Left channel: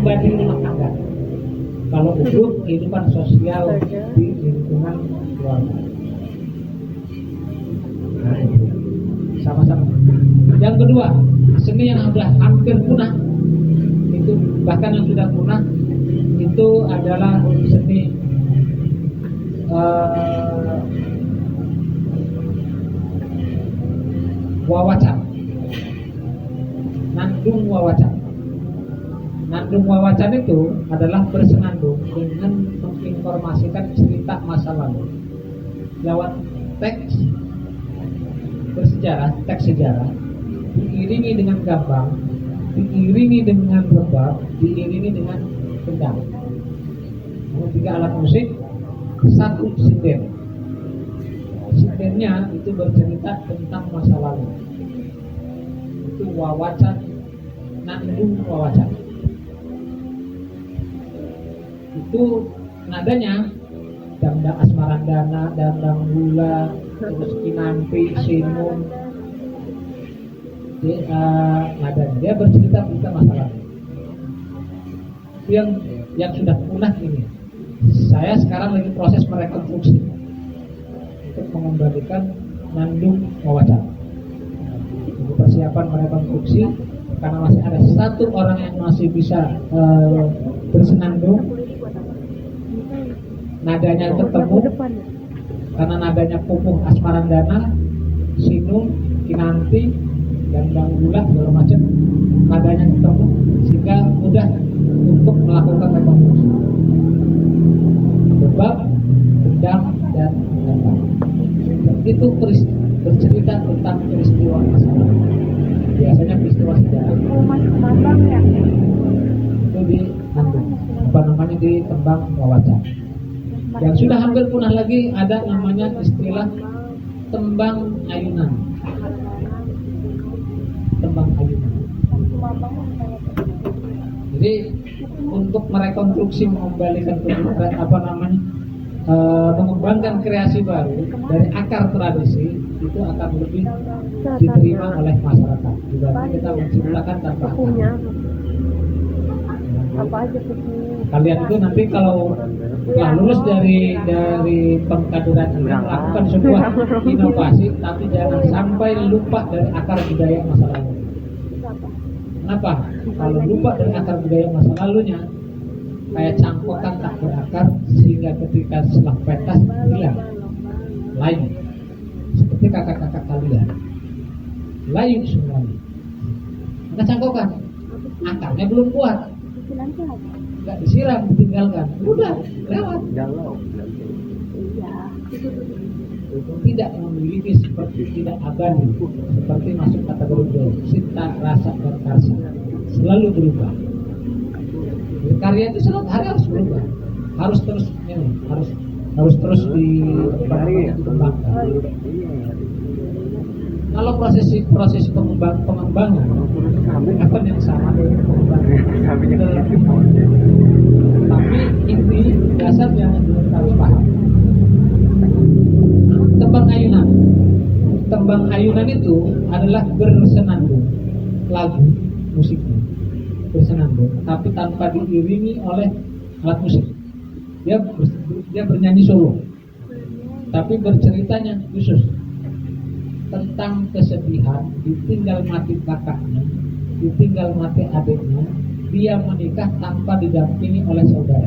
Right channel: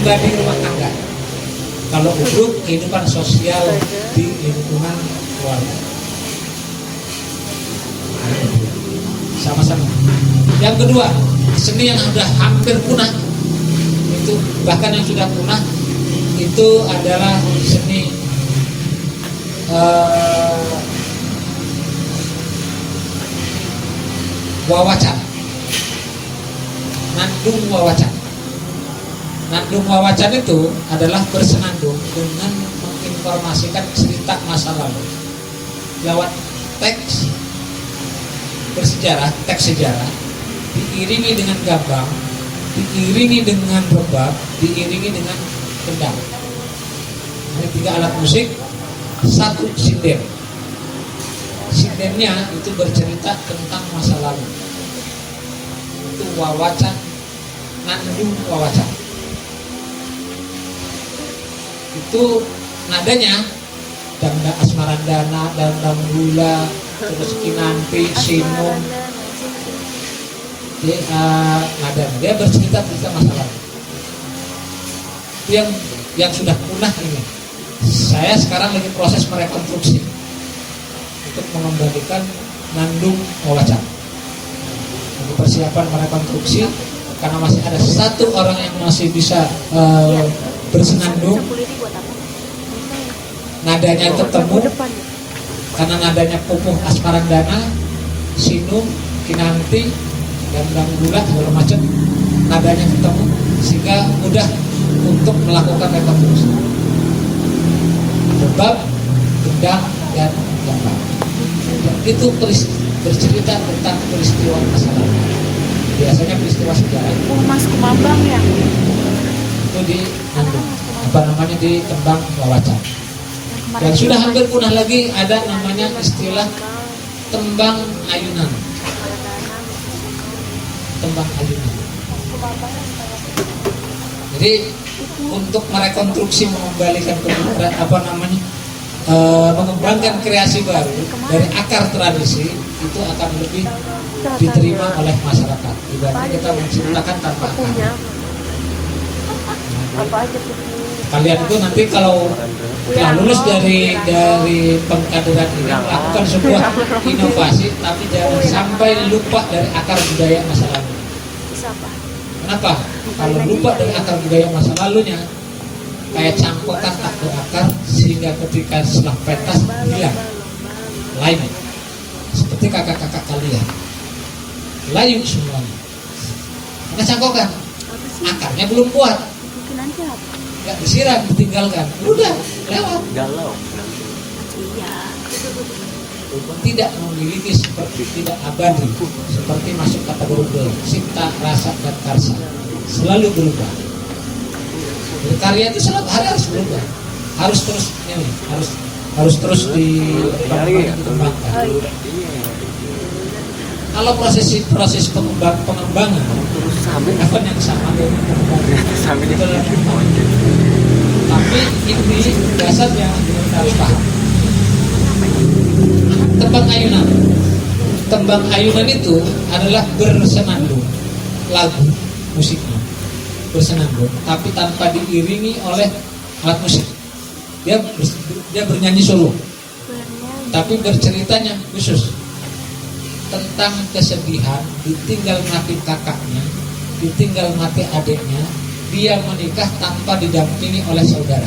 pribadi rumah tangga. Kalau untuk kehidupan sosial di lingkungan keluarga. Sama-sama. Yang kedua, seni yang sudah hampir punah, itu bahkan yang sudah punah itu adalah seni wawacan, nandung wawacan. Nandung wawacan itu adalah bersenandung dengan menginformasikan cerita masa lalu lewat teks bersejarah, teks sejarah, diiringi dengan gambang, diiringi dengan rebab, diiringi dengan kendang. Ada 3 alat musik, 1 sinden. Sindennya itu bercerita tentang masa lalu. Itu wawacan, nandung wawacan. Itu nadanya dangda asmarandana, dangda gula, terus kinanti, sinung. Nadanya dia bercerita tentang masa lalu. Yang sudah punah ini. Saya sekarang lagi proses merekonstruksi untuk mengembalikan nandung wawacan. Untuk persiapan merekonstruksi karena masih ada 1 orang yang masih bisa bersenandung. Nadanya ketemu karena nadanya pupuh asmarandana, sinung, kinanti, dan gula segala macam. Nadanya ketemu sehingga mudah untuk melakukan rekonstruksi. Bab, gendang, dan gambang. Itu bercerita tentang peristiwa masa lalu. Biasanya peristiwa sejarah. Mas Kumabang ya. Itu di di tembang wawacan. Dan sudah hampir punah lagi ada namanya istilah tembang ayunan. Tembang ayunan. Jadi untuk merekonstruksi, mengembalikan mengembangkan kreasi baru dari akar tradisi itu akan lebih diterima oleh masyarakat. Ibaratnya kita menciptakan tanpa akar. Kalian itu nanti kalau lulus dari pengkaderan ini melakukan sebuah inovasi, tapi jangan sampai lupa dari akar budaya masa lalu. Kenapa? Kalau lupa dari akar budaya masa lalunya, kayak cangkokan tak berakar sehingga ketika setelah pentas hilang. Lain. Seperti kakak-kakak kalian. Layu semuanya. Karena cangkokan. Akarnya belum kuat. Gak disiram, ditinggalkan. Udah, lewat. Tidak memiliki seperti tidak abadi, seperti masuk kategori cipta, rasa, dan karsa. Selalu berubah. Karya itu selalu harus berubah, harus terus harus terus dikembangkan. Kalau proses pengembangan apa yang sama dengan pengembangan, tapi ini dasar yang kita harus paham. Tembang ayunan itu adalah bersenandung, lagu musiknya bersenandung, tapi tanpa diiringi oleh alat musik. Dia bernyanyi solo, tapi berceritanya khusus tentang kesedihan, ditinggal mati kakaknya, ditinggal mati adiknya, dia menikah tanpa didampingi oleh saudara.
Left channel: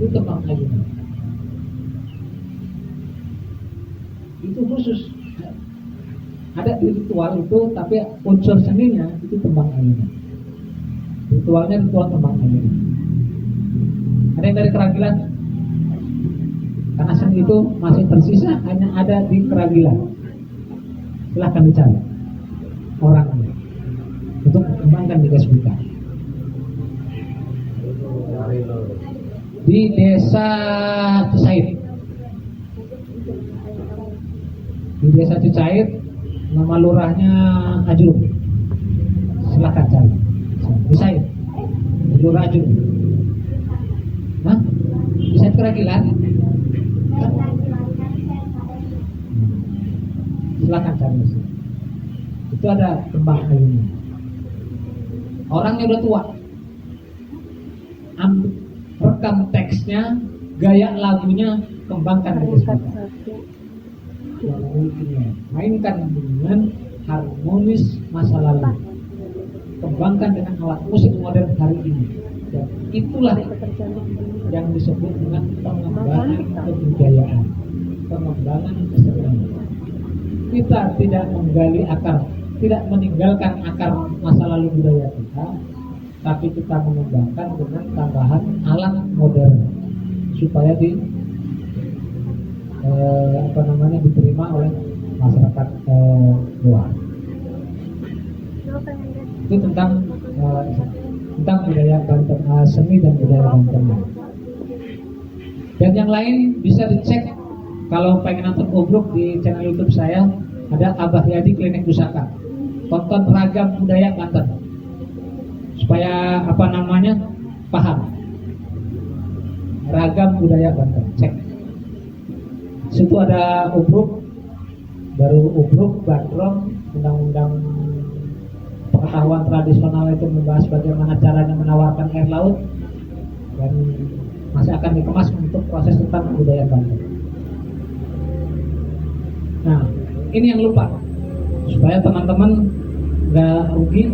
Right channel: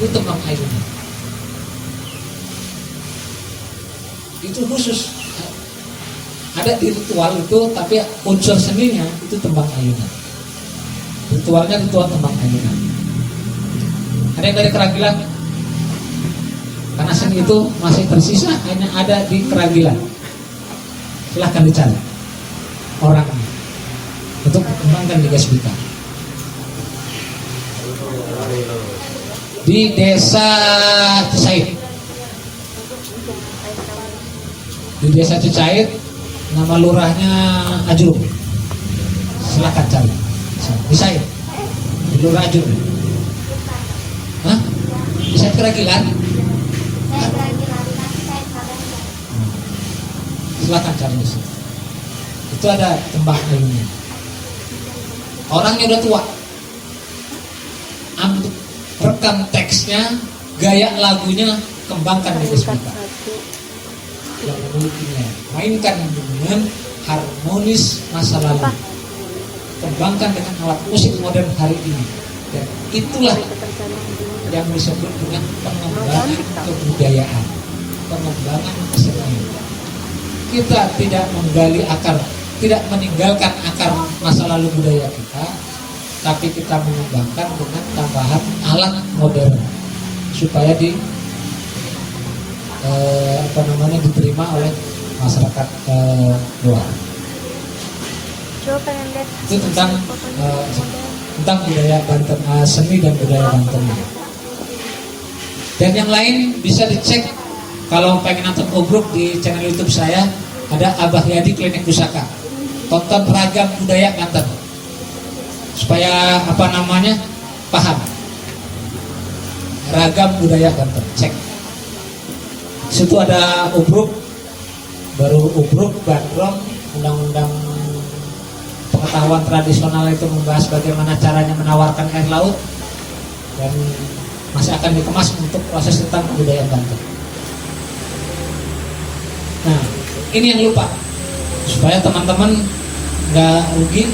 Itu tembang ayunan. Itu khusus ada di ritual itu, tapi unsur seninya itu tembang ayunan. Ritualnya ritual tembang ayunan. Ada yang dari Keragilan, karena seni itu masih tersisa hanya ada di Keragilan. Silahkan dicari orangnya untuk dikembangkan di SBK. Di desa Cicair. Di desa Cicair, nama lurahnya Ajur. Silakan cari. Bisa ya? Lurah Ajur. Hah? Bisa Keragilan? Silakan cari. Itu ada tembang ayunan. Orangnya udah tua. kembangkan teksnya, gaya lagunya, kembangkan diri kita. Yang memilikinya, mainkan dengan harmonis masa lalu, kembangkan dengan alat musik modern hari ini. Dan itulah yang disebut dengan pengembangan kebudayaan, pengembangan kesenian. Kita tidak menggali akar, tidak meninggalkan akar masa lalu budaya kita, tapi kita mengembangkan dengan tambahan alat modern supaya diterima oleh masyarakat luar. Itu tentang budaya Banten, seni dan budaya Banten. Dan yang lain bisa dicek kalau pengen nonton obruk di channel YouTube saya, ada Abah Yadi Klinik Pusaka. Tonton ragam budaya Banten supaya paham ragam budaya Banten. Cek. Situ ada obruk, baru obruk, bandrong, undang-undang pengetahuan tradisional itu membahas bagaimana caranya menawarkan air laut, dan masih akan dikemas untuk proses tentang kebudayaan Banten. Nah, ini yang lupa supaya teman-teman nggak rugi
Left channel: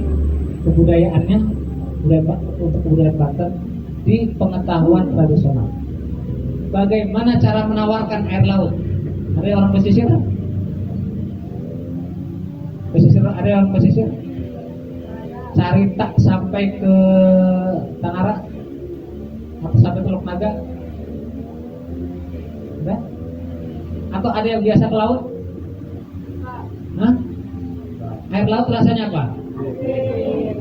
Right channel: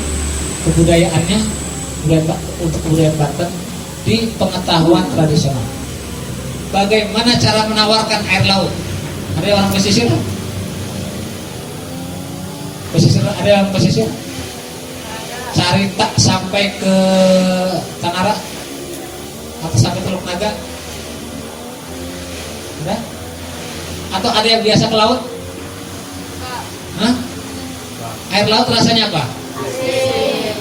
kebudayaannya untuk kebudayaan Banten di pengetahuan tradisional. Bagaimana cara menawarkan air laut? Ada orang pesisir? Ada orang pesisir? Cari tak sampai ke Tanara atau sampai Teluk Naga? Ada? Atau ada yang biasa ke laut? Hah? Air laut rasanya apa? Asin.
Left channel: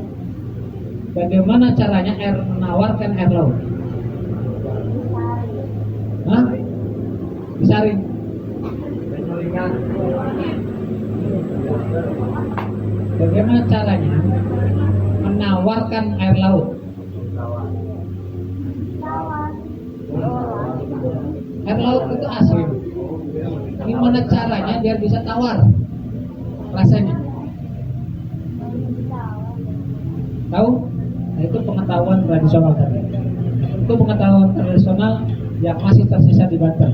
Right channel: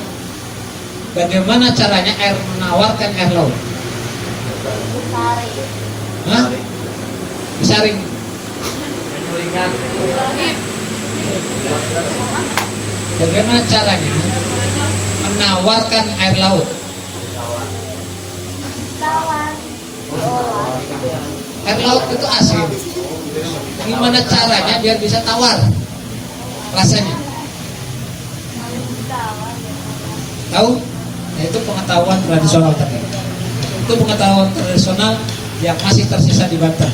Bagaimana caranya air menawarkan air laut? Disaring. Hah? Disaring. Bagaimana caranya menawarkan air laut? Air laut itu asin. Gimana caranya biar bisa tawar rasanya? Tahu? Nah, itu pengetahuan tradisional tadi. Itu pengetahuan tradisional yang masih tersisa di Banten.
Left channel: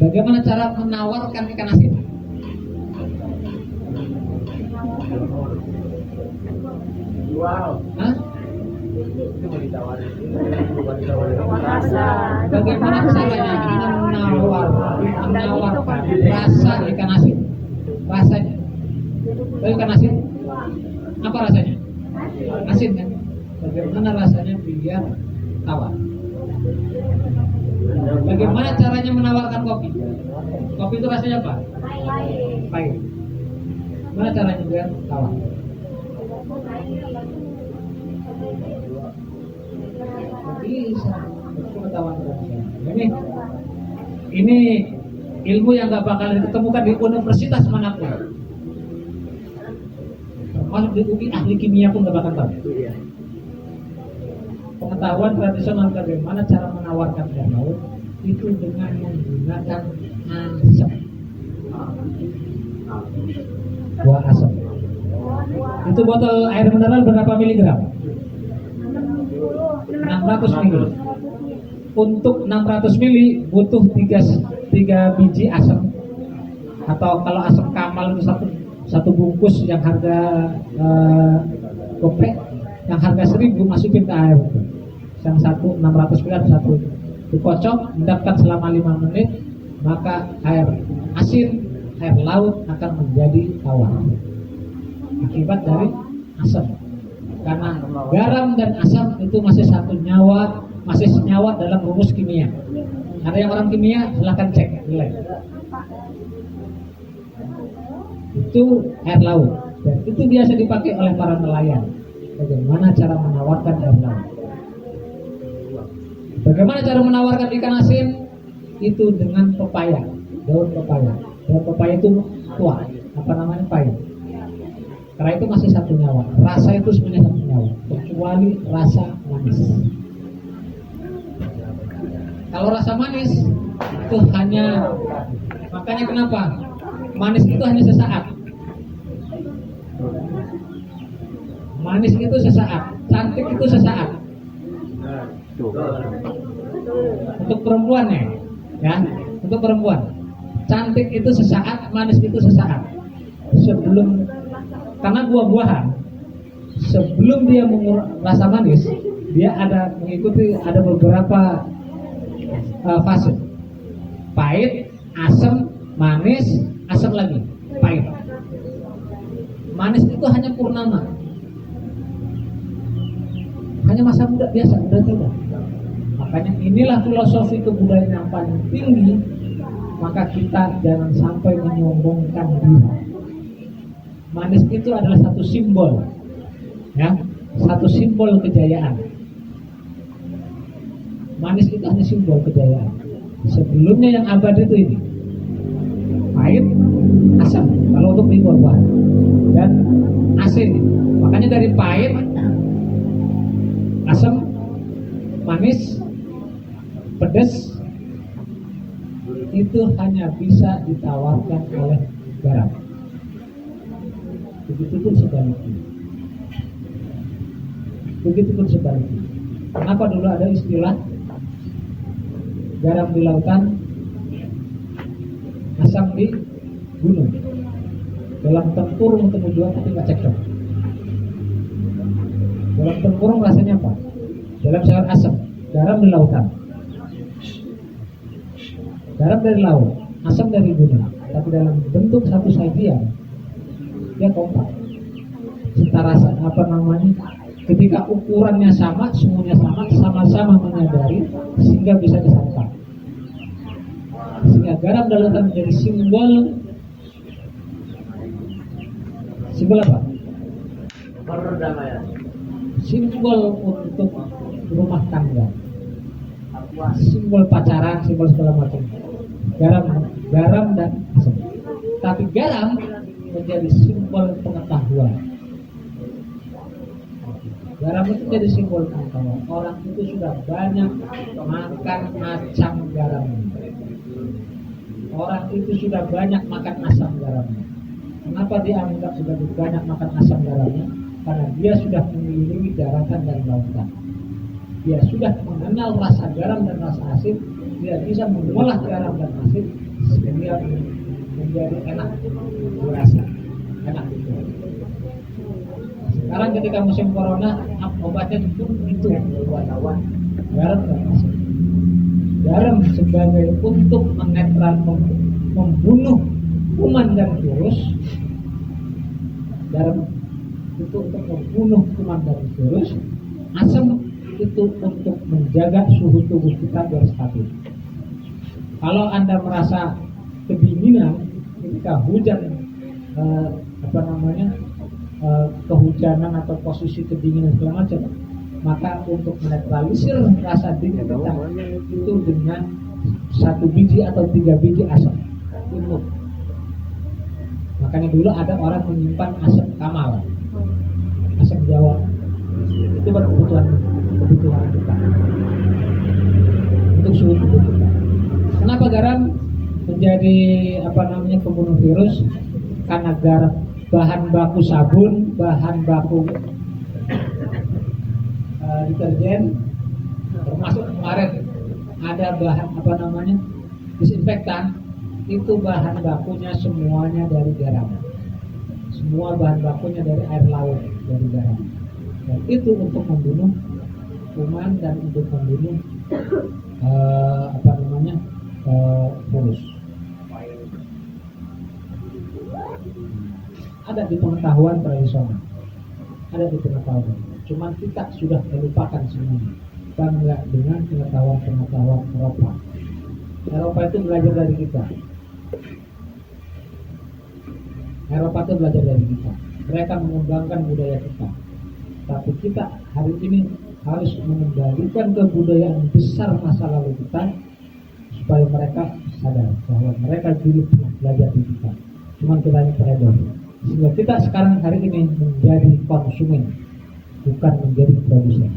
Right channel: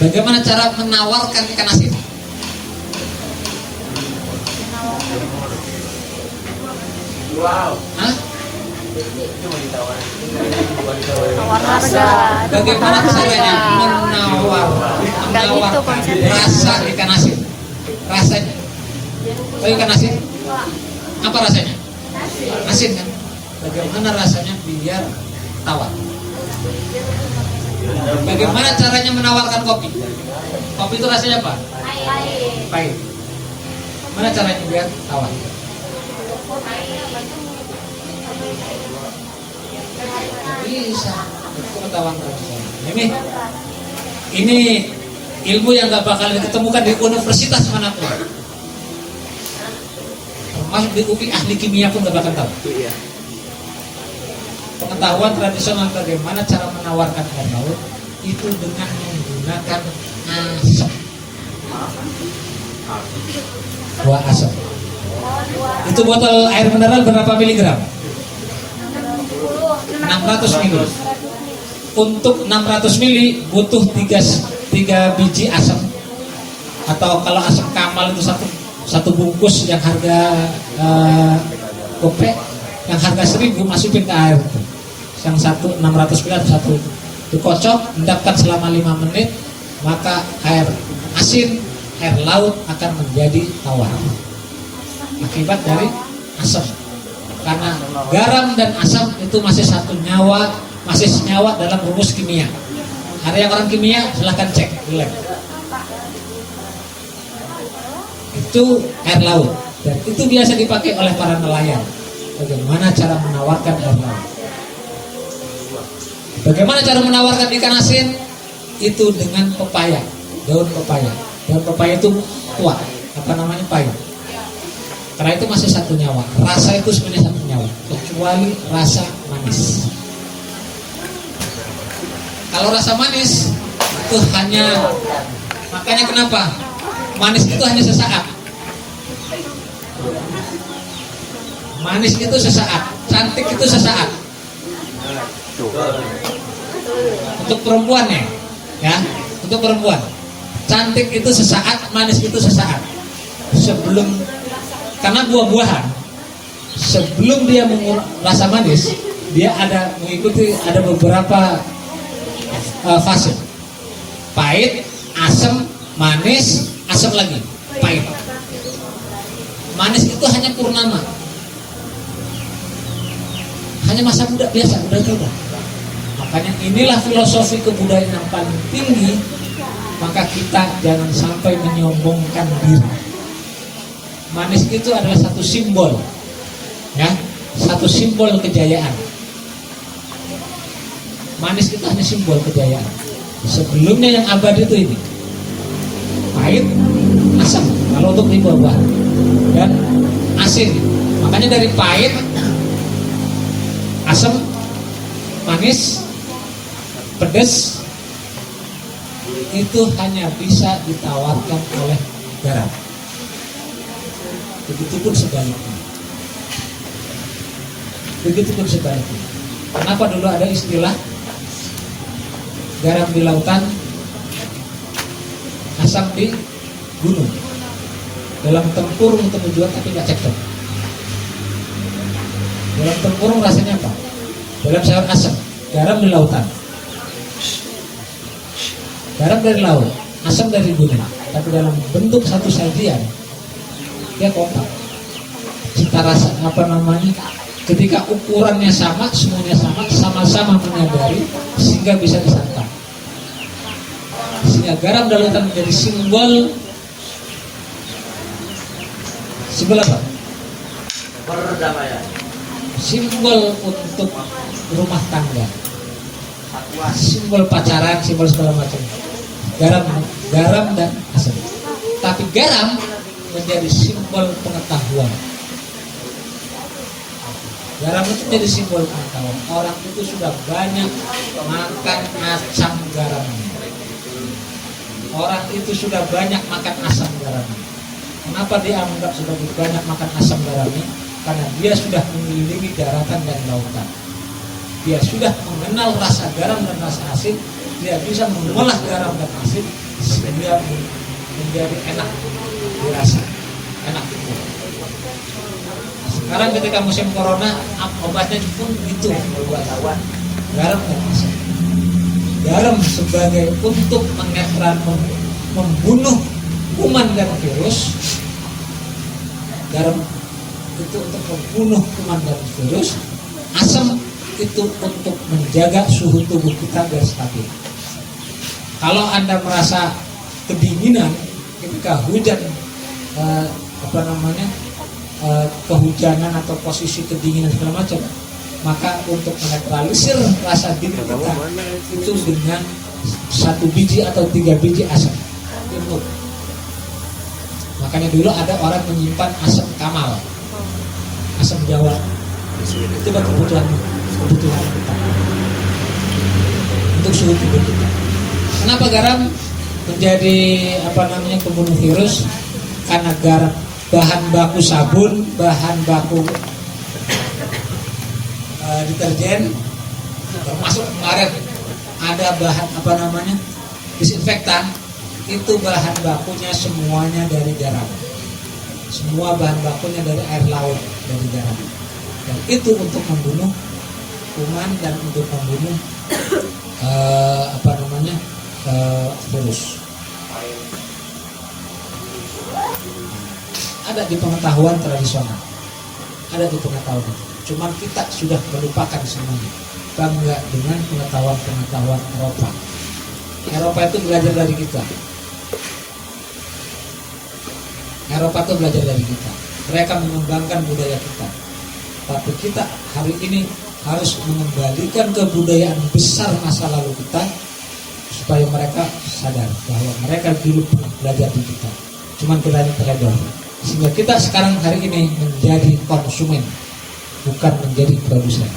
Bagaimana cara menawarkan ikan asin? Wow. Hah? Bagaimana caranya menawarkan rasa ikan asin? Rasanya? Oh, ikan asin? Apa rasanya? Asin kan? Bagaimana rasanya biar tawar? Bagaimana caranya menawarkan kopi? Kopi itu rasanya apa? Pahit. Mana caranya biar tawar? Bisa. Pengetahuan tradisional. Ini ilmu yang nggak bakal ditemukan di universitas manapun. Masuk di UPI ahli kimia pun nggak bakal tahu. Pengetahuan tradisional bagaimana cara menawarkan air laut itu dengan menggunakan asap. Buah asap. Itu botol air mineral berapa miligram? 600 mili. Untuk 600 mili butuh 3 biji asap. Atau kalau asap kamal itu satu bungkus yang harga gopek, yang harga 1000 masukin ke air. Yang satu 600 mili atau satu dikocok, endapkan selama 5 menit, maka air asin, air laut akan menjadi tawar. Akibat dari asap. Karena garam dan asam itu masih satu nyawa, masih senyawa dalam rumus kimia. Ada yang orang kimia, silahkan cek di lab. Itu air laut, dan itu biasa dipakai oleh para nelayan. Bagaimana cara menawarkan air laut? Bagaimana cara menawarkan ikan asin? Itu dengan pepaya, daun pepaya. Daun pepaya itu tua, pahit. Karena itu masih satu nyawa. Rasa itu sebenarnya satu nyawa, kecuali rasa manis. Kalau rasa manis itu hanya, makanya kenapa manis itu hanya sesaat. Manis itu sesaat, cantik itu sesaat. Untuk perempuan ya, untuk perempuan cantik itu sesaat, manis itu sesaat. Sebelum, karena buah-buahan sebelum dia rasa manis, dia mengikuti beberapa fase. Pahit, asam, manis, asam lagi, pahit. Manis itu hanya purnama, hanya masa muda biasa, udah tua. Makanya inilah filosofi kebudayaan yang paling tinggi. Maka kita jangan sampai menyombongkan diri. Manis itu adalah satu simbol, ya, satu simbol kejayaan. Manis itu hanya simbol kejayaan. Sebelumnya yang abadi itu ini pahit, asam kalau untuk di buah-buahan, dan asin. Makanya dari pahit, asam, manis, pedas itu hanya bisa ditawarkan oleh garam. Begitupun sebaliknya. Begitupun sebaliknya. Kenapa dulu ada istilah garam di lautan, asam di gunung? Dalam tempurung untuk menjual tapi nggak cekcok. Dalam tempurung rasanya apa? Dalam sayur asam, garam di lautan. Garam dari laut, asam dari gunung, tapi dalam bentuk satu sajian dia kompak. Cita rasa ketika ukurannya sama, semuanya sama, sama-sama menyadari sehingga bisa disantap. Sehingga garam dari lautan menjadi simbol apa? Perdamaian. Simbol untuk rumah tangga, simbol pacaran, simbol segala macam. Garam dan asam. Tapi garam menjadi simbol pengetahuan. Garam itu menjadi simbol pengetahuan. Orang itu sudah banyak makan asam garam. Orang itu sudah banyak makan asam garam. Kenapa dianggap sudah banyak makan asam garam? Karena dia sudah mengelilingi daratan dan lautan. Dia sudah mengenal rasa garam dan rasa asin. Dia bisa mengolah garam dan asin sehingga menjadi enak dirasa, enak. Nah, sekarang ketika musim corona, obatnya pun itu buat lawan garam dan asin. Garam sebagai untuk membunuh kuman dan virus. Garam itu untuk membunuh kuman dan virus. Asam itu untuk menjaga suhu tubuh kita biar stabil. Kalau Anda merasa kedinginan ketika hujan, kehujanan atau posisi kedinginan segala macam, maka untuk menetralisir rasa dingin kita itu dengan 1 biji atau 3 biji asam. Makanya dulu ada orang menyimpan asam kamal, asam jawa. Itu kebutuhan kita untuk suhu tubuh kita. Kenapa garam menjadi pembunuh virus? Karena garam bahan baku sabun, bahan baku deterjen, termasuk kemarin ada bahan disinfektan, itu bahan bakunya semuanya dari garam. Semua bahan bakunya dari air laut, dari garam. Dan itu untuk membunuh kuman dan untuk membunuh virus. Ada di pengetahuan tradisional, ada di pengetahuan. Cuma kita sudah melupakan semuanya. Bangga dengan pengetahuan Eropa. Eropa itu belajar dari kita. Eropa itu belajar dari kita. Mereka mengembangkan budaya kita. Tapi kita hari ini harus mengembalikan kebudayaan besar masa lalu kita, supaya mereka sadar bahwa mereka dulu belajar di kita. Cuman kita terlebar. Sehingga kita sekarang hari ini menjadi konsumen, bukan menjadi produsen.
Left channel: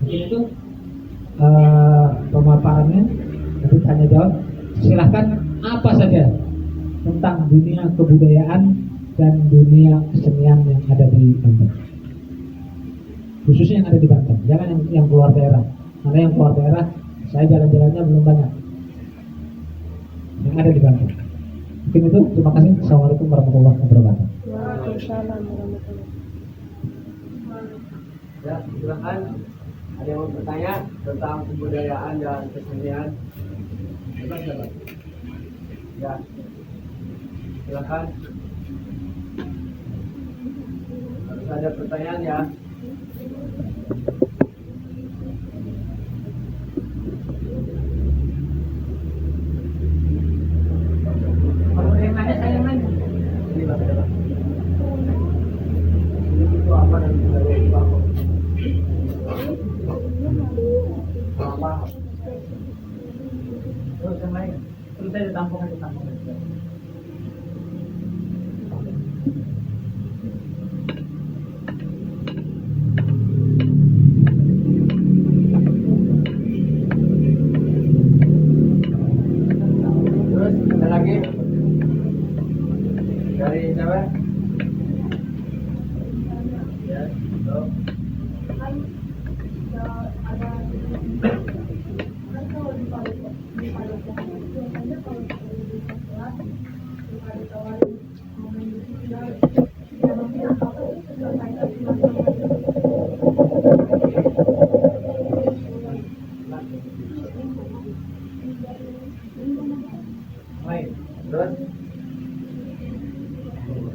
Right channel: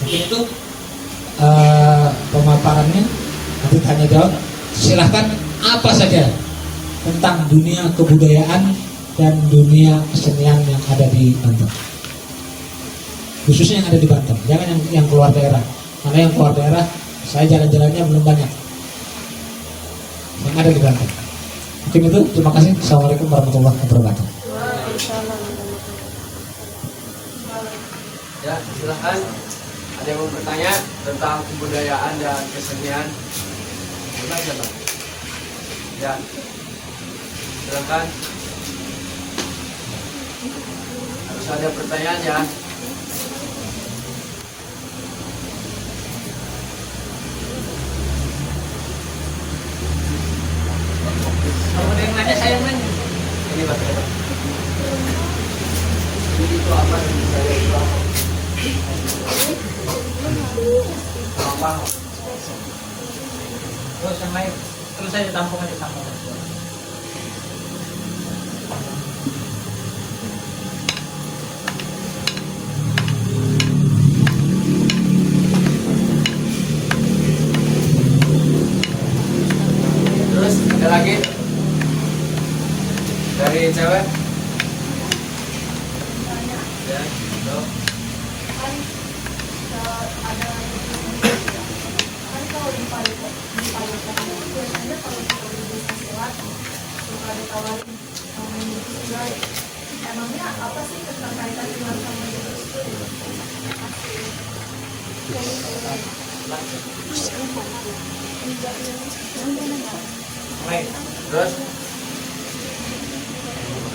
Mungkin itu pemaparannya. Nanti tanya jawab. Silahkan apa saja tentang dunia kebudayaan dan dunia kesenian yang ada di Banten. Khususnya yang ada di Banten, jangan yang keluar daerah. Karena yang keluar daerah, saya jalan-jalannya belum banyak. Yang ada di Banten. Mungkin itu, terima kasih. Assalamualaikum warahmatullahi wabarakatuh. Ya, silahkan. Ada yang mau bertanya tentang kebudayaan dan kesenian? Silakan. Ya, silahkan. Harus ada pertanyaan ya. Kalau ada yang nanya, saya nanya. Ini Pak. Itu apa yang saya tahu? Apa? Terus yang lain, terus saya tampung aja tampung. Terus ada lagi dari cewek? Ya, yuk. Baik. Terus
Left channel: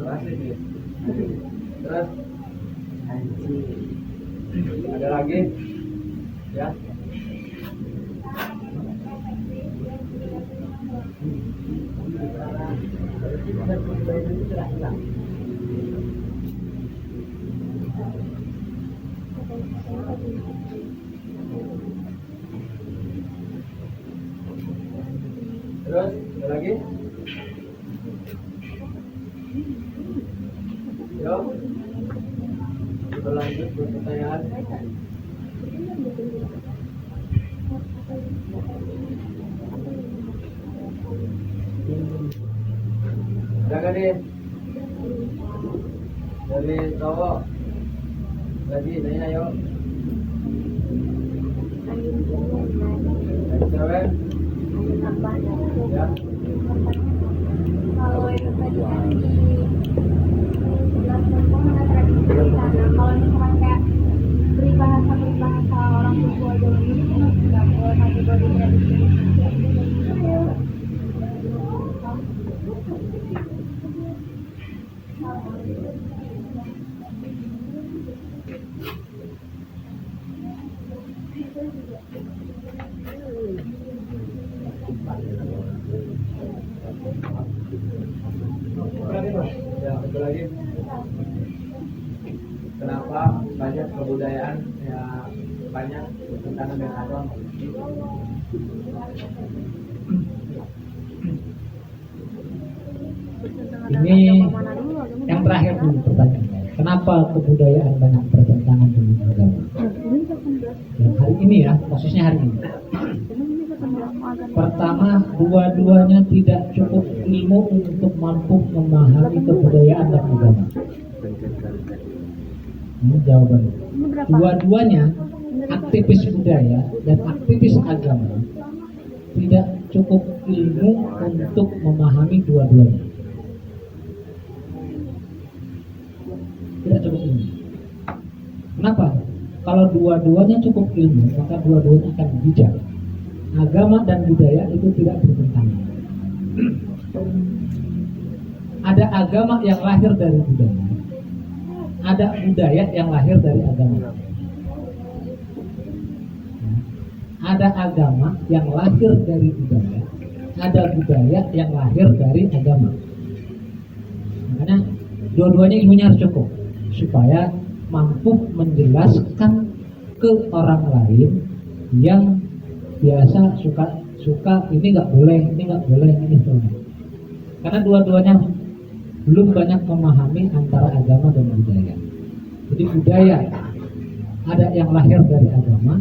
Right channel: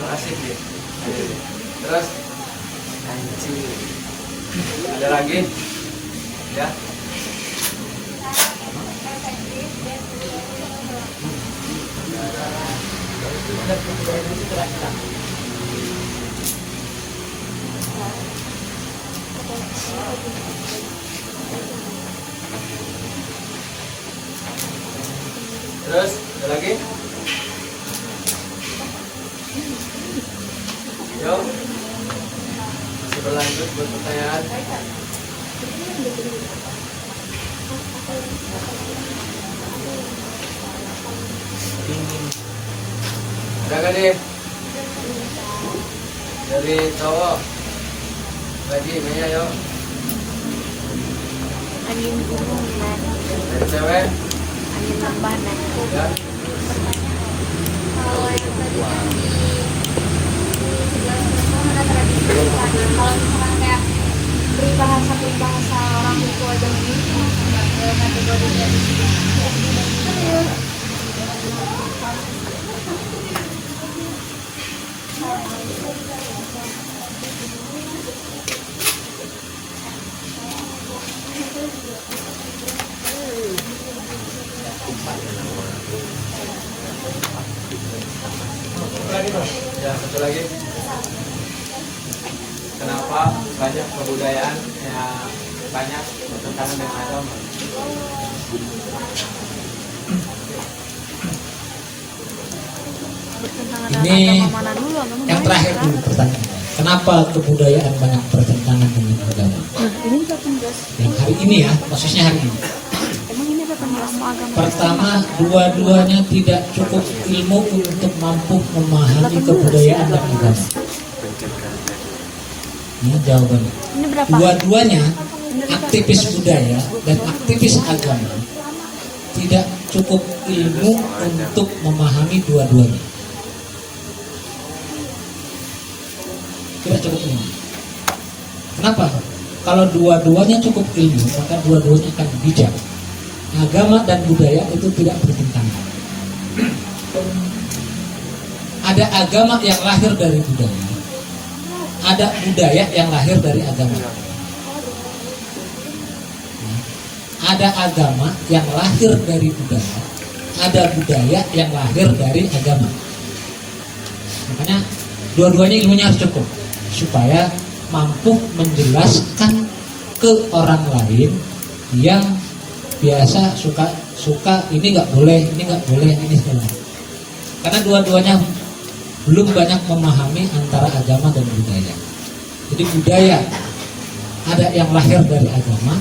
asik ya. Terus ada lagi ya. Terus ada lagi? Yuk. Masih berlanjut pertanyaan. Ada gak nih? Dari cowok lagi nanya yuk. Angin gunung man, Dari cewek angin lembah man. ya. Kalau misalkan kayak peribahasa orang tua zaman itu, Ya, satu lagi. Kenapa banyak kebudayaan yang banyak bertentangan dengan agama? bertentangan Ini dengan agama mana dulu? yang terakhir dulu pertanyaannya. Kenapa kebudayaan banyak bertentangan dengan agama? Ini juga penjelasan. Yang hari ini ya, khususnya hari ini. Emang ini ada penjelasan agama? Pertama, dua-duanya tidak cukup ilmu untuk mampu memahami kebudayaan dan agama. Ini jawabannya. Ini berapa? Dua-duanya aktivis budaya dan aktivis agama tidak cukup ilmu untuk memahami dua-duanya. Tidak cukup ilmu. Kenapa? Kalau dua-duanya cukup ilmu, maka dua-duanya akan bijak. Agama dan budaya itu tidak bertentangan. Ada agama yang lahir dari budaya, ada budaya yang lahir dari agama. Ada agama yang lahir dari budaya, ada budaya yang lahir dari agama. Makanya dua-duanya ilmunya harus cukup supaya mampu menjelaskan ke orang lain yang biasa suka ini nggak boleh, ini segala. Karena dua-duanya belum banyak memahami antara agama dan budaya. Jadi budaya ada yang lahir dari agama,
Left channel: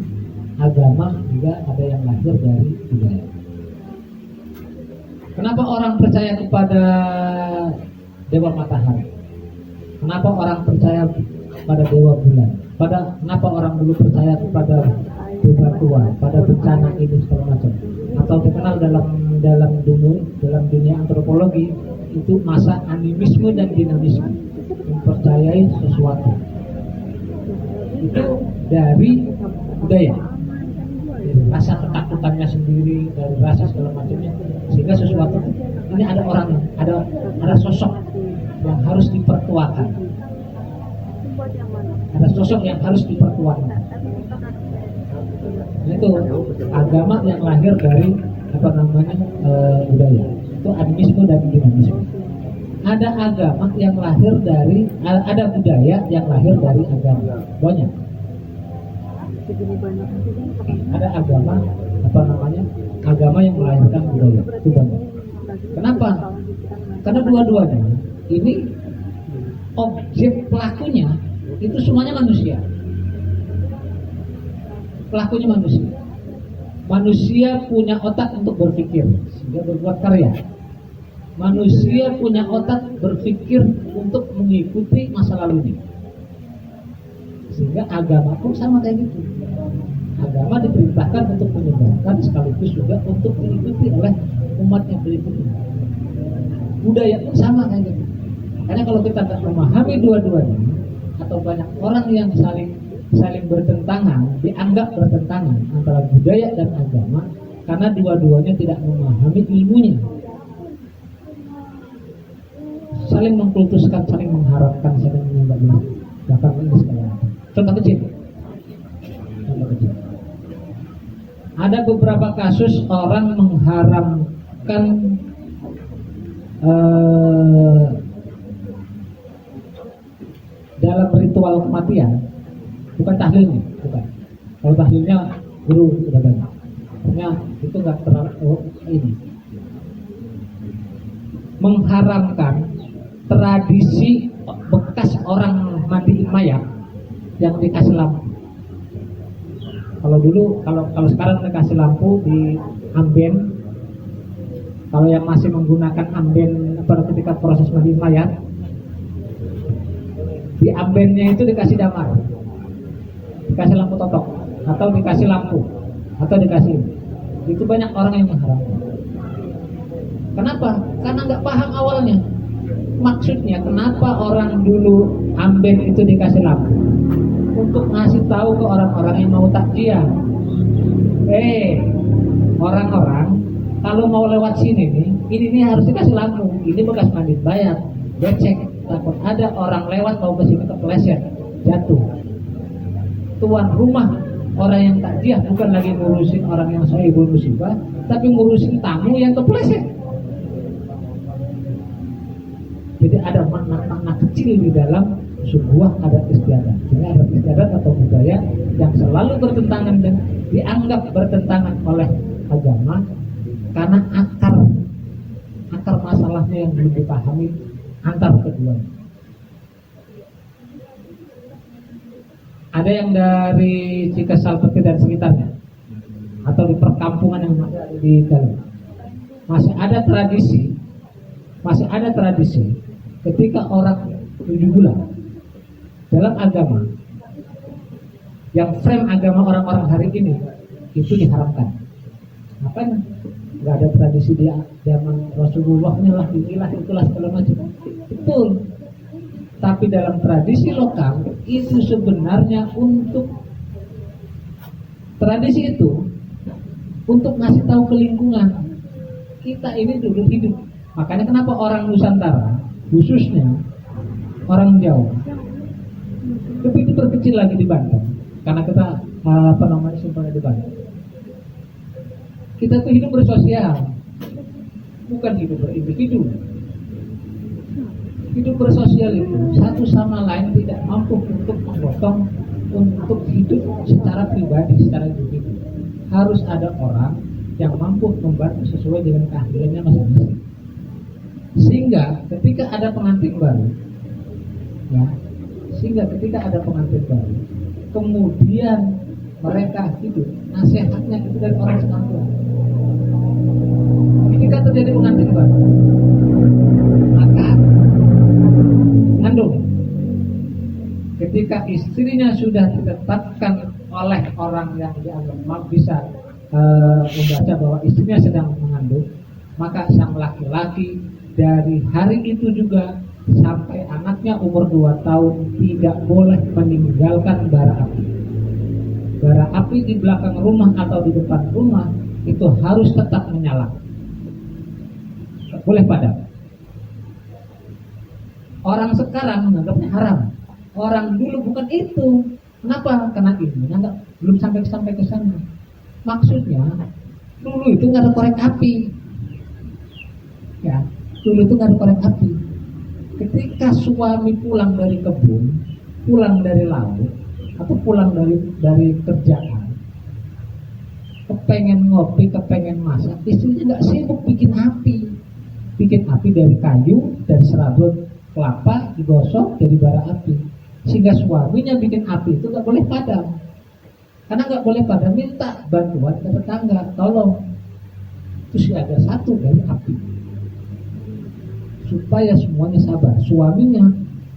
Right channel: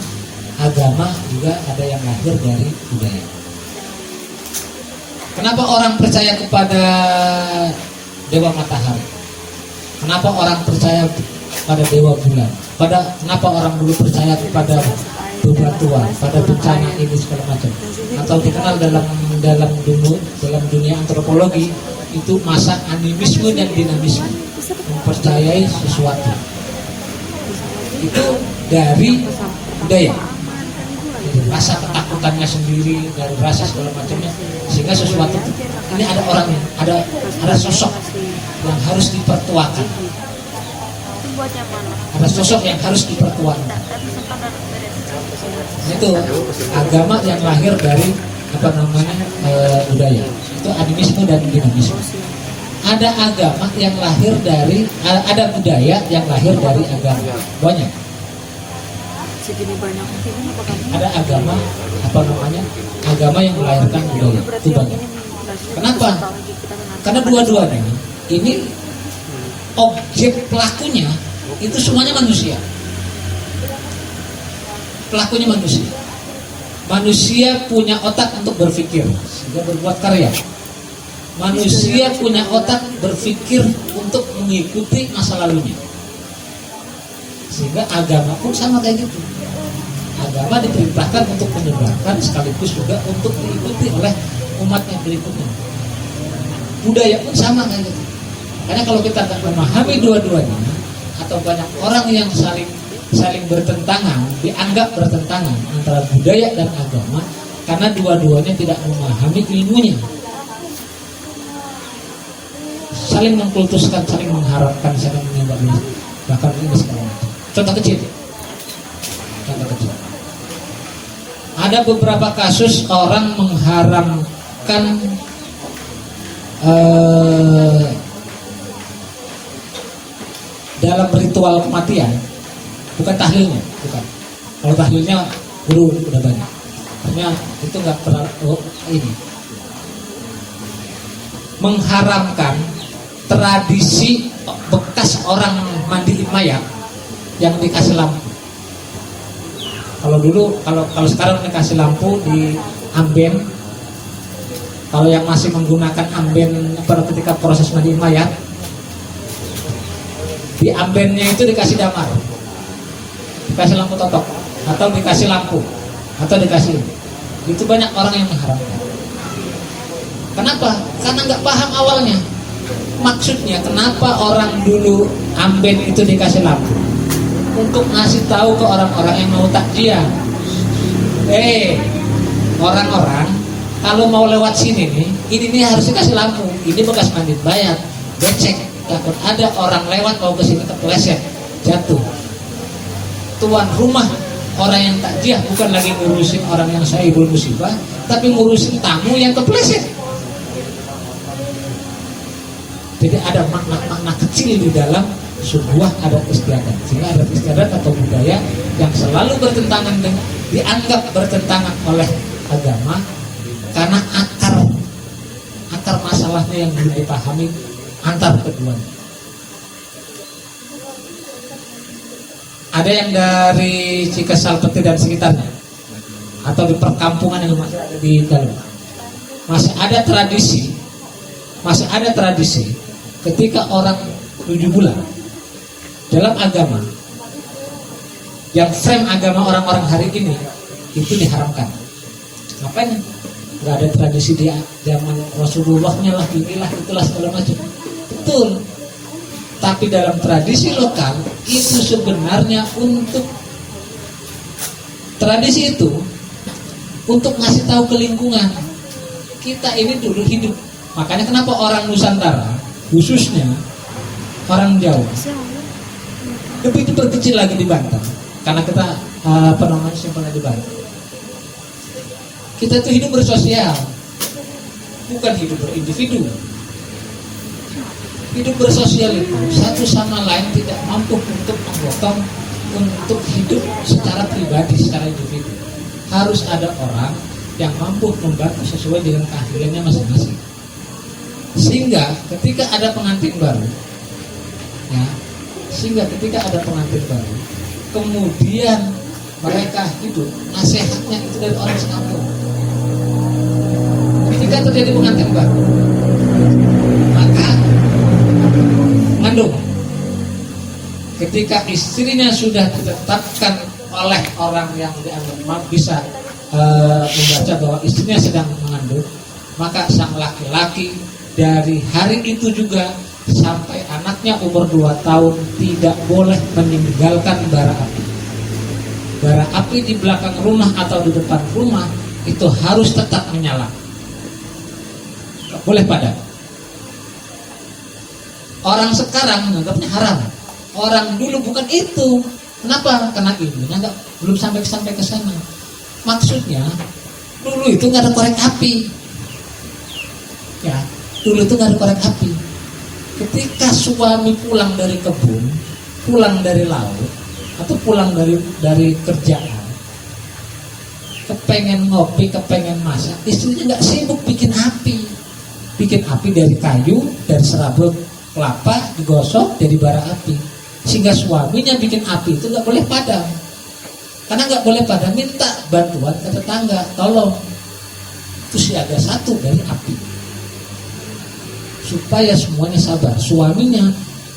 agama juga ada yang lahir dari budaya. Kenapa orang percaya kepada dewa matahari? Kenapa orang percaya pada dewa bulan? Kenapa orang dulu percaya kepada beberapa bantuan pada bencana ini segala macam, atau dikenal dalam dunia antropologi itu masa animisme dan dinamisme, mempercayai sesuatu itu dari budaya, rasa ketakutannya sendiri dan rasa segala macamnya, sehingga sesuatu ini ada orangnya, ada sosok yang harus dipertuakan, ada sosok yang harus dipertuakan. Itu agama yang lahir dari budaya, itu animisme dan dinamisme. Ada agama yang lahir dari, ada budaya yang lahir dari agama, banyak. Ada agama agama yang melahirkan budaya, itu banyak. Kenapa? Karena dua-duanya ini objek pelakunya itu semuanya manusia. Pelakunya manusia. Manusia punya otak untuk berpikir sehingga berbuat karya. Manusia punya otak berpikir untuk mengikuti masa lalunya. Sehingga agama pun sama kayak gitu. Agama diperintahkan untuk menyebarkan sekaligus juga untuk diikuti oleh umat yang berikutnya. Budaya pun sama kayak gitu. Makanya kalau kita tak memahami dua-duanya, atau banyak orang yang saling bertentangan, dianggap bertentangan antara budaya dan agama, karena dua-duanya tidak memahami ilmunya, saling mengkultuskan, saling mengharapkan, saling menyembah, bahkan ini segala macam. Contoh kecil. Ada beberapa kasus orang mengharamkan dalam ritual kematian, bukan tahlilnya, bukan. Kalau tahlilnya guru udah banyak. Artinya itu nggak pernah ini. Mengharamkan tradisi bekas orang mandi mayat yang dikasih lampu. Kalau dulu, kalau sekarang dikasih lampu di amben, kalau yang masih menggunakan amben ketika proses mandi mayat, di ambennya itu dikasih damar, dikasih lampu totok, atau dikasih lampu, atau dikasih. Itu banyak orang yang mengharapkan. Kenapa? Karena nggak paham awalnya. Maksudnya kenapa orang dulu amben itu dikasih lampu? Untuk ngasih tahu ke orang-orang yang mau takjiah, orang-orang kalau mau lewat sini nih, ini harus dikasih lampu. Ini bekas mandi bayar, becek, takut ada orang lewat mau ke sini kepleset, jatuh. Tuan rumah orang yang takjiah bukan lagi ngurusin orang yang sahibul musibah, tapi ngurusin tamu yang kepleset. Jadi ada makna-makna kecil di dalam sebuah adat istiadat. Sehingga adat istiadat atau budaya yang selalu bertentangan dengan, dianggap bertentangan oleh agama karena akar masalahnya yang belum dipahami antar keduanya. Ada yang dari Cikesalpeti dan sekitarnya, atau di perkampungan yang masih ada di dalam, masih ada tradisi ketika orang 7 bulan dalam agama, yang frame agama orang-orang hari ini itu diharamkan. Ngapain? Gak ada tradisi di zaman Rasulullahnya lah, inilah itulah segala macam. Betul. Tapi dalam tradisi lokal itu sebenarnya untuk tradisi itu untuk ngasih tahu ke lingkungan kita ini dulu hidup. Makanya kenapa orang Nusantara, khususnya orang Jawa, lebih diperkecil lagi di Banten, karena kita simpelnya di Banten. Kita itu hidup bersosial, bukan hidup berindividu. Hidup bersosial itu satu sama lain tidak mampu untuk menggotong, untuk hidup secara pribadi, secara individu. Harus ada orang yang mampu membantu sesuai dengan keahliannya masing-masing. Sehingga ketika ada pengantin baru, kemudian mereka hidup, nasihatnya itu dari orang sekampung. Ketika terjadi pengantin baru, maka mengandung. Ketika istrinya sudah ditetapkan oleh orang yang dianggap bisa membaca bahwa istrinya sedang mengandung, maka sang laki-laki dari hari itu juga sampai anaknya umur 2 tahun tidak boleh meninggalkan bara api. Bara api di belakang rumah atau di depan rumah itu harus tetap menyala, tidak boleh padam. Orang sekarang menganggapnya haram. Orang dulu bukan itu. Kenapa? Karena ilmunya belum sampai ke sana. Maksudnya dulu itu nggak ada korek api. Ya, dulu itu nggak ada korek api. Ketika suami pulang dari kebun, pulang dari laut, atau pulang dari kerjaan, kepengen ngopi, kepengen masak, istrinya nggak sibuk bikin api. Bikin api dari kayu, dari serabut kelapa, digosok jadi bara api. Sehingga suaminya bikin api itu nggak boleh padam. Karena nggak boleh padam, minta bantuan ke tetangga, tolong. Terus ada satu dari api. Supaya semuanya sabar. Suaminya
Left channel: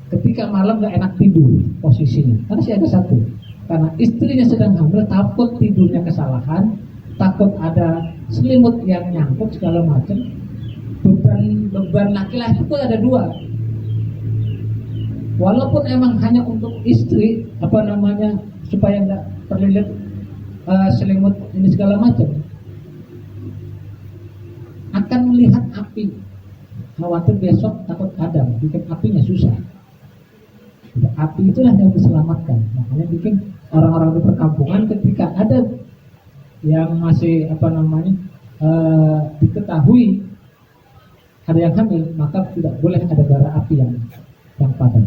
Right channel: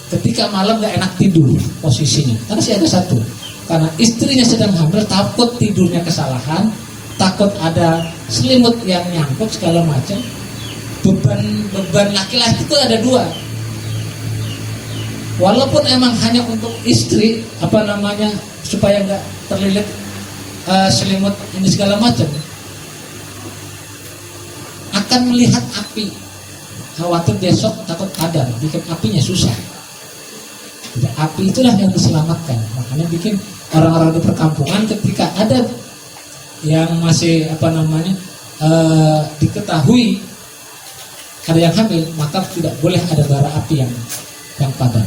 ketika malam nggak enak tidur posisinya, karena sih ada satu. Karena istrinya sedang hamil, takut tidurnya kesalahan, takut ada selimut yang nyangkut segala macam. Beban laki-laki itu ada 2. Walaupun emang hanya untuk istri, supaya nggak terlilit selimut ini segala macam, akan melihat api, khawatir besok takut padam, bikin apinya susah. Jadi, api itulah yang diselamatkan. Makanya bikin orang-orang di perkampungan ketika ada yang masih diketahui ada yang hamil, maka tidak boleh ada bara api yang padam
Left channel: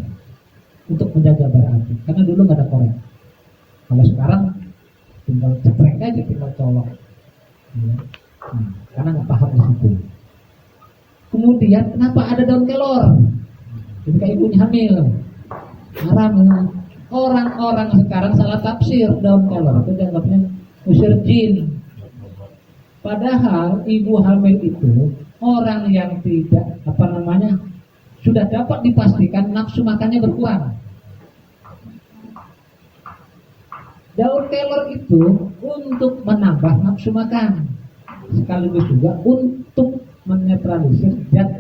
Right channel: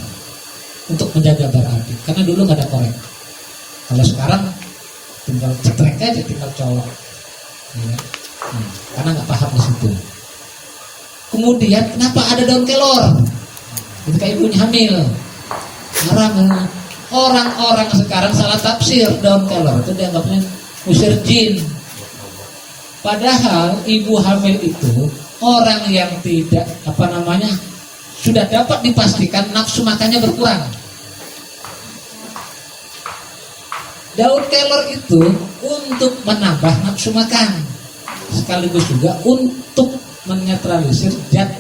untuk menjaga bara api. Karena dulu nggak ada korek. Kalau sekarang tinggal cetrek aja, tinggal colok. Ya. Karena nggak paham di situ. Kemudian kenapa ada daun kelor? Ketika ibunya hamil, haram. Orang-orang sekarang salah tafsir daun kelor itu dianggapnya usir jin. Padahal ibu hamil itu orang yang tidak sudah dapat dipastikan nafsu makannya berkurang. Daun kelor itu untuk menambah nafsu makan, sekaligus juga untuk menetralisir zat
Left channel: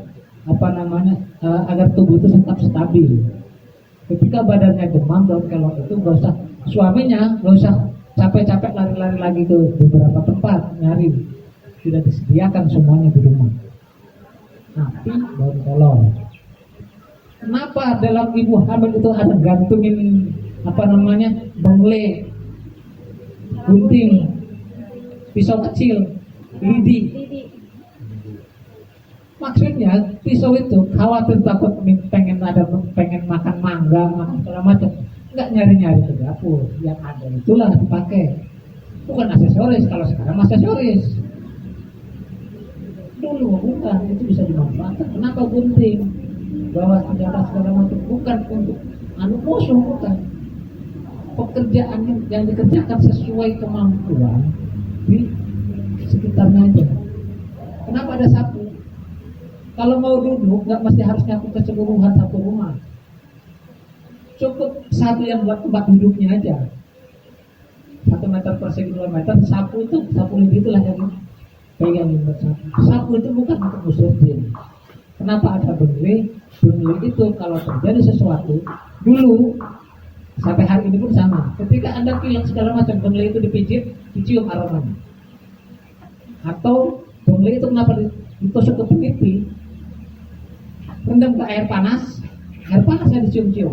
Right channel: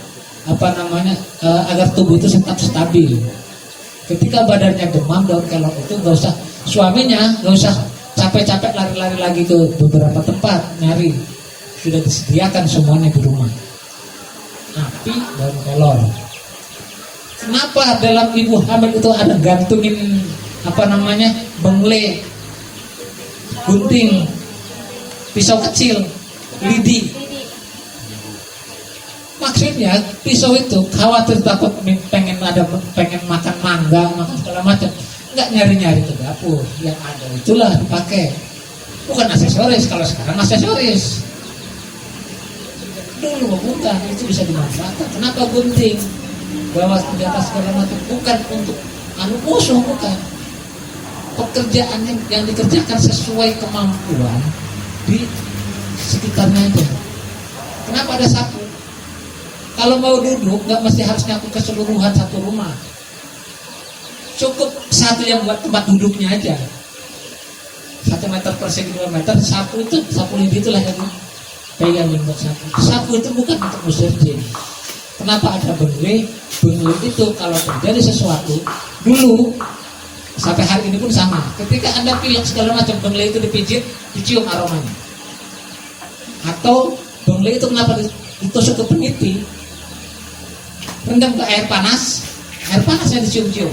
agar tubuh itu tetap stabil. Ketika badannya demam, daun kelor itu suaminya nggak usah capek-capek lari-lari lagi ke beberapa tempat nyari, sudah disediakan semuanya di rumah. Api daun kelor. Kenapa dalam ibu hamil itu ada gantungin bengle, gunting, pisau kecil, lidi? Maksudnya pisau itu khawatir takut pengen makan mangga, makan segala macam, nggak nyari-nyari ke dapur, yang ada itulah dipakai. Bukan aksesoris, kalau sekarang aksesoris. Dulu bukan, itu bisa dimanfaatkan. Kenapa gunting? Bawa senjata segala macam, bukan untuk musuh, bukan. Pekerjaannya yang dikerjakan sesuai kemampuan di sekitarnya aja. Kenapa ada sapu? Kalau mau duduk nggak mesti harus nyapu keseluruhan satu rumah. Cukup satu yang buat tempat duduknya aja. 1 meter per segi 2 meter, sapu lidi itulah yang pegang buat sapu. Sapu itu bukan untuk usir jin. Kenapa ada bengle? Bengle itu kalau terjadi sesuatu, dulu sampai hari ini pun sama. Ketika Anda pilek segala macam, bengle itu dipijit, dicium aromanya. Atau bengle itu kenapa ditusuk ke peniti, rendam ke air panasnya dicium-cium,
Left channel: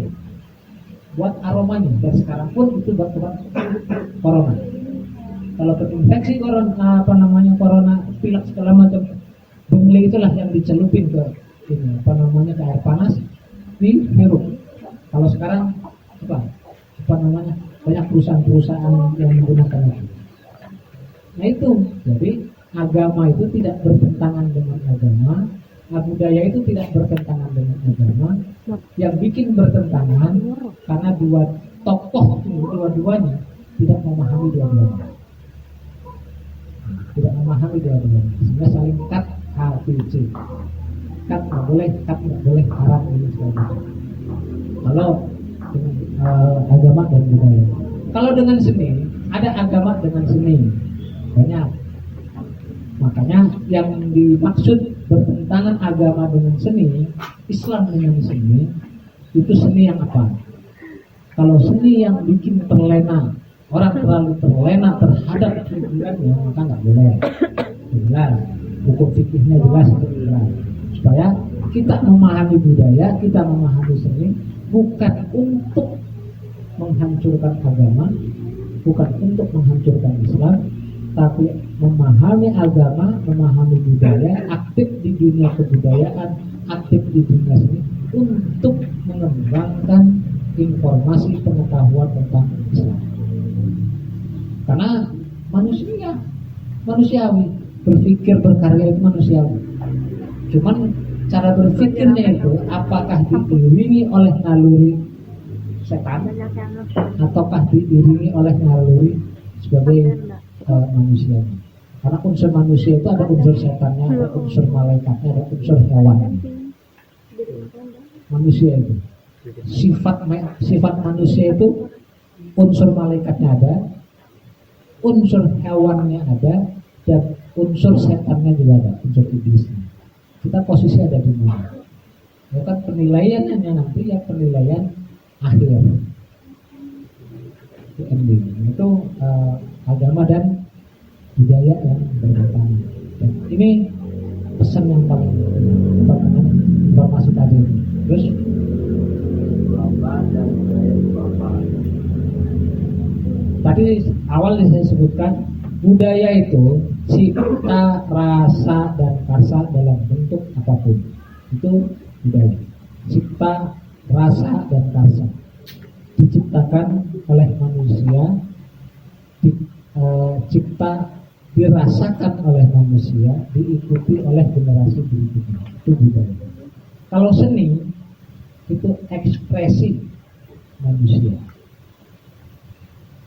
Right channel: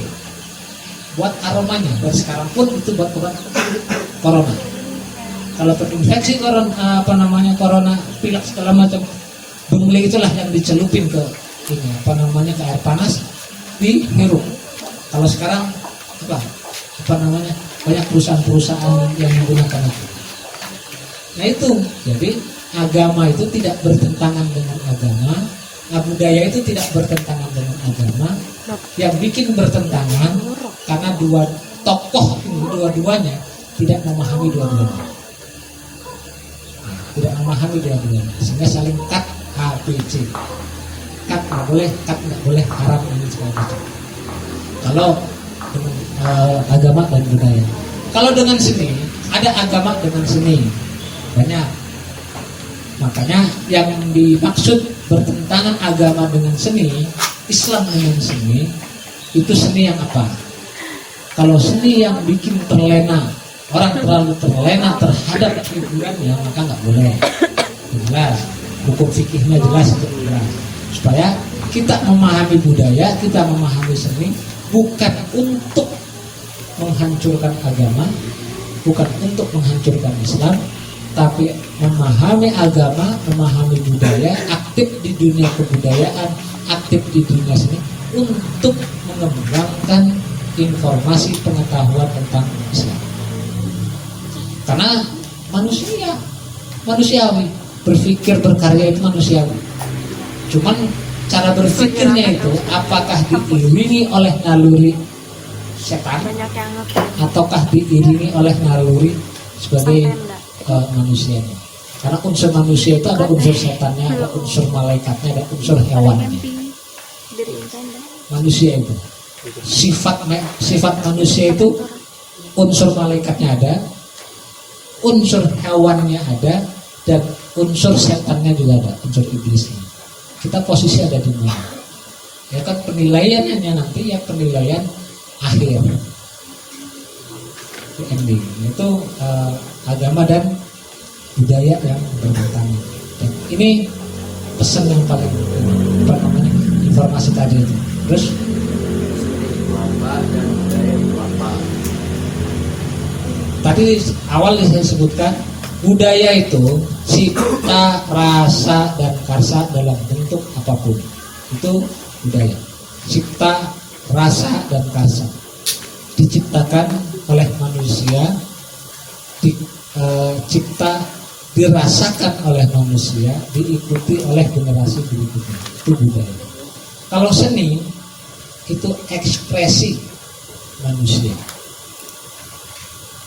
buat aromanya. Dan sekarang pun itu buat obat corona. Kalau terinfeksi corona, pilek segala macam, bengle itulah yang dicelupin ke ke air panas, dihirup. Kalau sekarang banyak perusahaan-perusahaan yang menggunakan itu. Nah itu, jadi agama itu tidak bertentangan dengan agama, budaya itu tidak bertentangan dengan agama. Yang bikin bertentangan karena dua-duanya tidak memahami dua-duanya. Tidak memahami dua-duanya, sehingga saling cut ABC. Cut nggak boleh, haram ini segala macam. Kalau dengan agama dan budaya. Kalau dengan seni, ada agama dengan seni, banyak. Makanya yang dimaksud bertentangan agama dengan seni, Islam dengan seni, itu seni yang apa? Kalau seni yang bikin terlena, orang terlalu terlena terhadap hiburannya, maka nggak boleh. Jelas, hukum fikihnya jelas, jelas. Supaya kita memahami budaya, kita memahami seni, bukan untuk menghancurkan agama, bukan untuk menghancurkan Islam, tapi memahami agama, memahami budaya, aktif di dunia kebudayaan, aktif di dunia seni, untuk mengembangkan informasi pengetahuan tentang Islam. Karena manusiawi, berpikir berkarya itu manusiawi. Cuman cara berpikirnya itu apakah diiringi oleh naluri setan ataukah diiringi oleh naluri sebagai manusianya. Karena unsur manusia itu ada unsur setannya, ada unsur malaikatnya, ada unsur hewannya. Manusia itu sifat manusia itu unsur malaikatnya ada, unsur hewannya ada, dan unsur setannya juga ada, unsur iblisnya. Kita posisi ada di mana? Ya kan penilaiannya nanti ya penilaian akhir, ending itu agama dan budaya yang bertentangan. Dan ini pesan yang paling informasi tadi itu. Terus dan budaya itu apa? tadi awalnya saya sebutkan budaya itu cipta, rasa, dan karsa dalam bentuk apapun. Itu budaya. Cipta, rasa, dan karsa diciptakan oleh manusia, dicipta, dirasakan oleh manusia, diikuti oleh generasi berikutnya. Itu budaya. Kalau seni itu ekspresi manusia.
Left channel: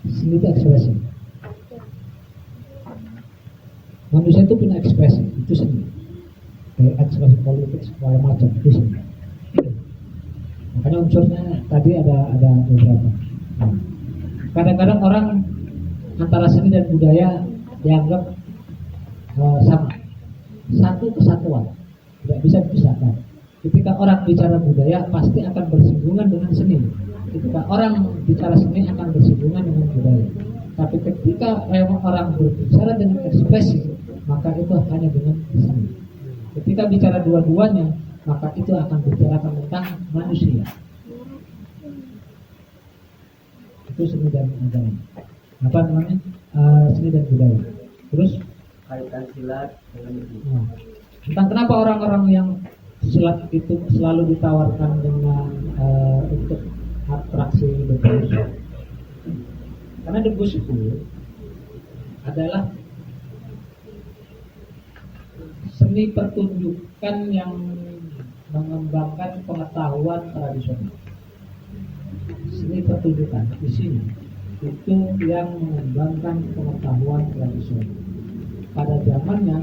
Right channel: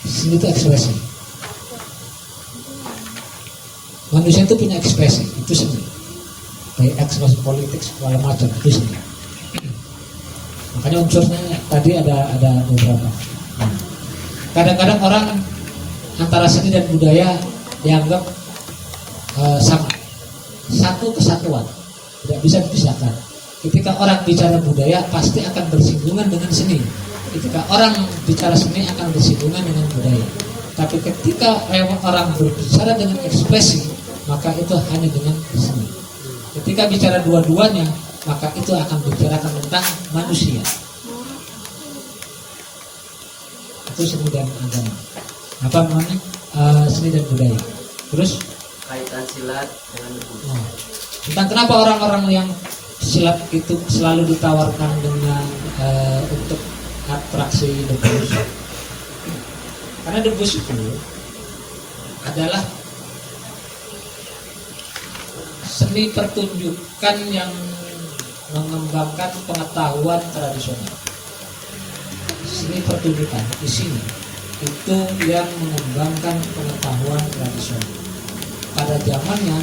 Seni itu ekspresi. Manusia itu punya ekspresi, itu seni. Baik ekspresi politik segala macam, itu seni. Makanya unsurnya tadi ada beberapa. Kadang-kadang orang antara seni dan budaya dianggap sama, satu kesatuan, tidak bisa dipisahkan. Ketika orang bicara budaya pasti akan bersinggungan dengan seni. Ketika orang bicara seni akan bersinggungan dengan budaya. Tapi ketika orang berbicara dengan ekspresi, maka itu hanya dengan seni. Ketika bicara dua-duanya, maka itu akan bicara tentang manusia. Itu seni dan agama. Apa namanya? Seni dan budaya. Terus Kaitan silat dengan budaya. tentang kenapa orang-orang yang silat itu selalu ditawarkan dengan untuk atraksi debus. Karena debus itu adalah seni pertunjukan yang mengembangkan pengetahuan tradisional. Seni pertunjukan di sini itu yang mengembangkan pengetahuan tradisional. Pada zamannya